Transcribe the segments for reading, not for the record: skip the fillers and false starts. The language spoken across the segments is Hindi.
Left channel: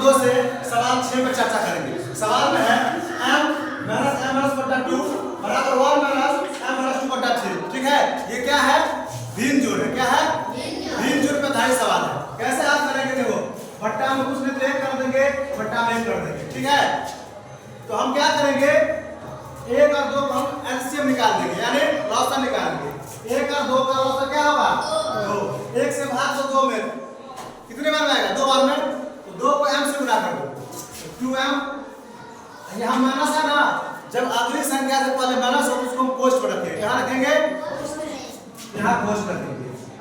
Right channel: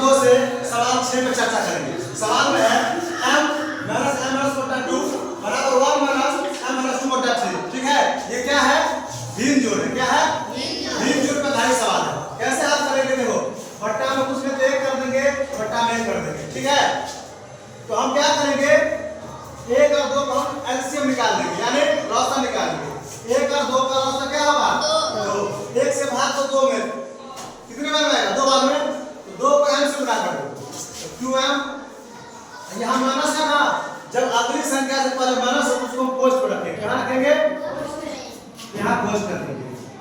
नंबर 2 से सवाल 6 में चर्चा करेंगे। सवाल में है m माइनस m माइनस बटा 2 बराबर 1 माइनस m माइनस 2 बटा 3। ठीक है, ये क्या है? भिन्न जोड़ है। क्या है? भिन्न जोड़ पे आधारित सवाल है। कैसे आप करेंगे? देखो, बट्टा में कुछ नहीं तो 1 कर देंगे, बट्टा में 1 कर देंगे। ठीक है, तो हम क्या करेंगे? 1 और 2 को हम एलसीएम निकाल देंगे, यानी लॉसा निकालेंगे। 1 और 2 का लॉसा क्या होगा? 2। 1 से भाग दो 2 में, कितने बार में आएगा? 2 बार में। तो 2 को m से गुणा कर दो, 2m। यहाँ माइनस है ना, जब अगली संख्या से पहले माइनस हो तो उसको हम पोस्ट पर रखेंगे। कहाँ रखेंगे? यहाँ पोस्ट कर देंगे।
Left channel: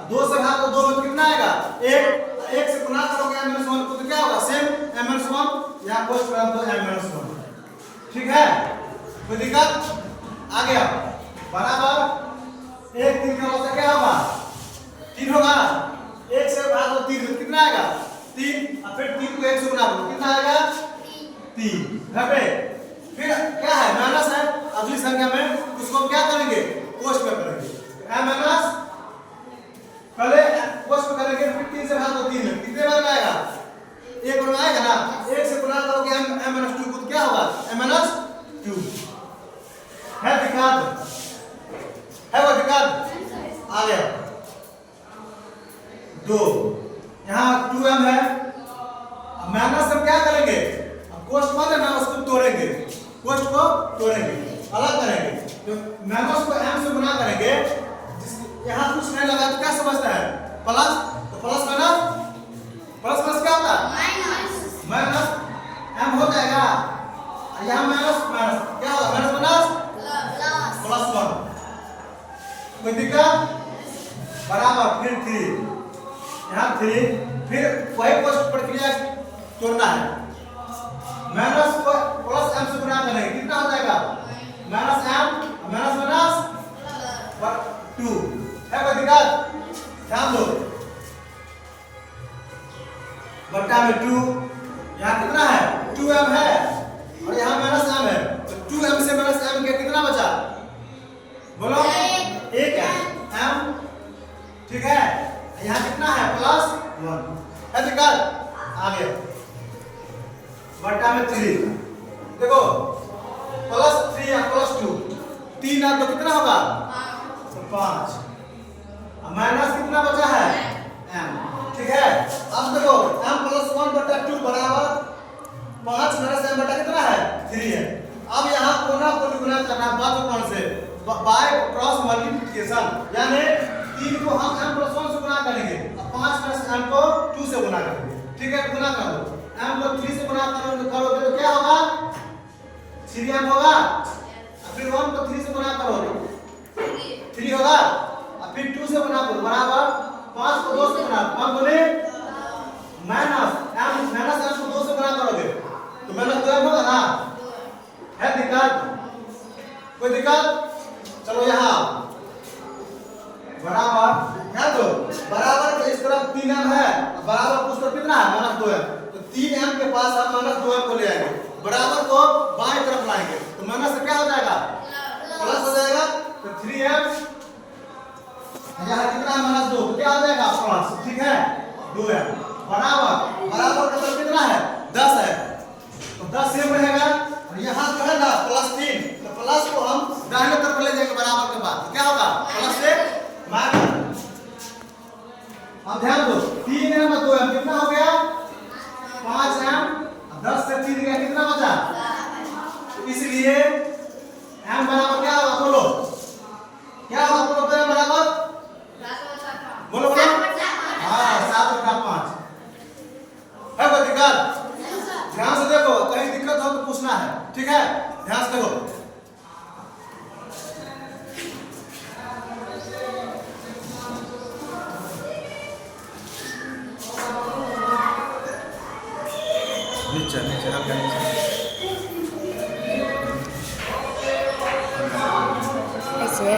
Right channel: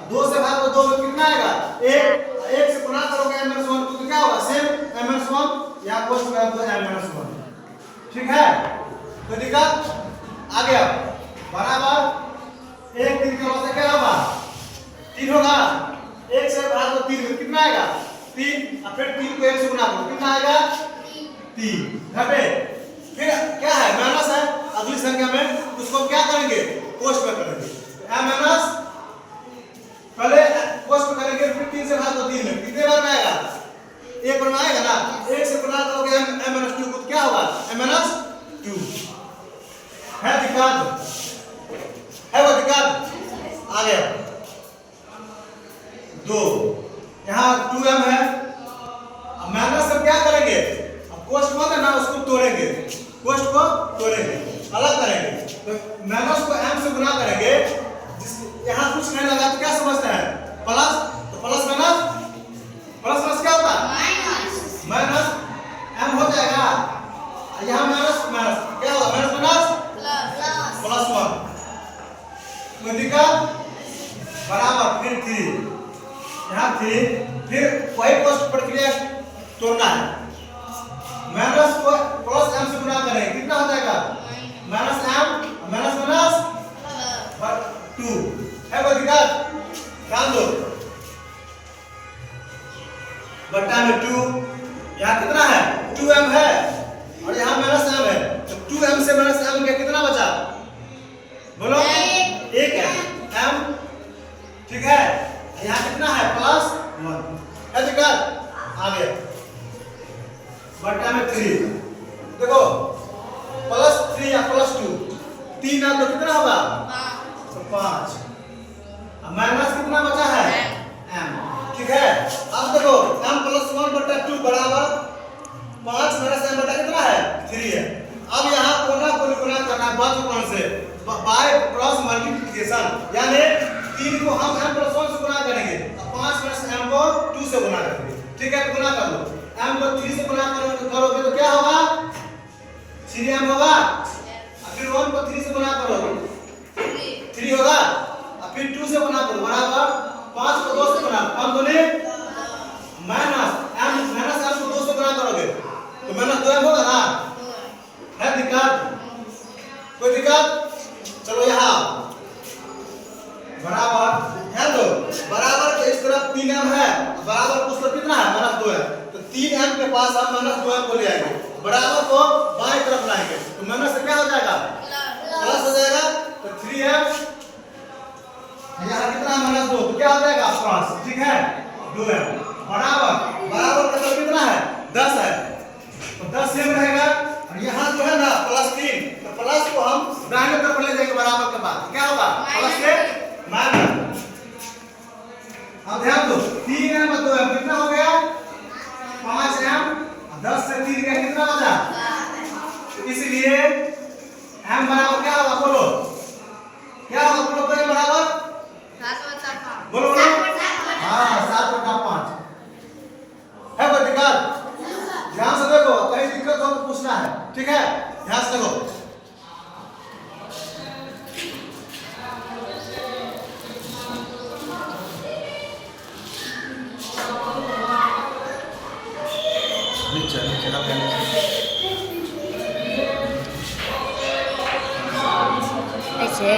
2 से भाग दो 2 में कितना आएगा? 1 से गुणा करोगे m माइनस 1 तो क्या होगा? सेम m माइनस 1, यहाँ पोस्ट कर दो m माइनस 1। ठीक है, कोई दिक्कत? आ गया बराबर 1 3 का लॉसा क्या होगा? 3 होगा। 1 से भाग दो 3 में कितना आएगा? 3। और फिर 3 को 1 से गुणा दो, कितना आएगा? 3। घटे फिर क्या है? माइनस है। अगली संख्या में उसको हम क्या करेंगे? पोस्ट में करेंगे। m माइनस पहले पोस्ट में करेंगे, फिर 3 से भाग दो 3 में, कितने बार में आएगा? 1 बार में आएगा ना। 1 से गुणा करोगे m माइनस 2 को क्या होगा? m minus 2। है दिक्कत? है वो दिक्कत? आ गया 2। यहाँ 2m है। अब माइनस हम क्या करेंगे? अब कोष्ठ मत है ना, उसको तोड़ेंगे, कोष्ठ को तोड़ेंगे, अलग करेंगे। तो माइनस को m से गुणा करेंगे। यहाँ कुछ नहीं लगा तो क्या समझते हैं? प्लस। तो प्लस माइनस, प्लस प्लस क्या होता है? माइनस। m हो जाएगा। यहाँ माइनस माइनस क्या होगा? Minus minus plus 1। कोई दिक्कत? बराबर फिर 3, यहाँ 3, फिर वही पोस्ट प्रक्रिया तोड़ना है। माइनस को प्लस m से गुणा करेंगे, कितना हो जाएगा? Minus m minus minus 2। है कोई दिक्कत? ध्यान दो, बट्टा में 2, यहाँ कितना है? 2m है और यहाँ माइनस m है। तो 2m से माइनस m के कितना बचा? बोलो 1 है m। ठीक है, यहाँ कितना है? प्लस 1। है दिक्कत? आ गया बट्टा में 3। देखो प्लस 3 या प्लस 2, 3 है तो कितना होगा? तो 5। माइनस कितना बचा है? m। ठीक है, अब देखो m प्लस 1 बटा 2 बराबर 5 माइनस m बटा कितना है? 3 है। अब यहाँ कोना को गुणा करना बाजू कोण से, बाय क्रॉस मल्टीप्लिकेशन, यानी 3 को हम m प्लस 1 से गुणा करेंगे और 5 माइनस m को 2 से गुणा करेंगे। ठीक है, तो गुणा कर दो। m को 3 से गुणा करोगे तो क्या होगा? 3m होगा। और फिर 1 को 3 से गुणा करोगे 3 होगा। और फिर 2 से गुणा करो बराबर 5 को 2 से गुणा, 5 दूनी माइनस m, माइनस m को 2 से गुणा करोगे तो माइनस 2m होगा ना। है दिक्कत? कोई दिक्कत? चलो यहाँ बराबर ध्यान दो, बराबर के इस तरफ 3m है, बराबर उस तरफ कितना है? Minus 2m। तो 3m के पास हम माइनस 2m को ले आएंगे, बराबर को बाईं तरफ लाएंगे तो माइनस से क्या हो जाएगा? प्लस हो जाएगा। तो 3m यहाँ कितना है? माइनस 2, तो क्या हो जाएगा? प्लस। ठीक है, 2m बराबर, बराबर का तरफ कितना है? 10 है, तो 10 सेम रहेगा। और यहाँ जो है ना प्लस 3, तो प्लस को हम दाहिने तरफ ले जाएंगे बराबर के बाद, क्या होगा? प्लस से माइनस। अब ध्यान दो 3m और 2m कितना हो गया? 5m। 10 से 3 गया, कितना बचा? तो इसलिए m बराबर क्या होगा? बोलो क्या होगा? बोलो तो बराबर बोलो बोलो। हाँ, 7/5। है कोई दिक्कत? ध्यान से देखो, कहीं दिक्कत हो तो पूछना है। ठीक है, ध्यान से देखो। ऐसे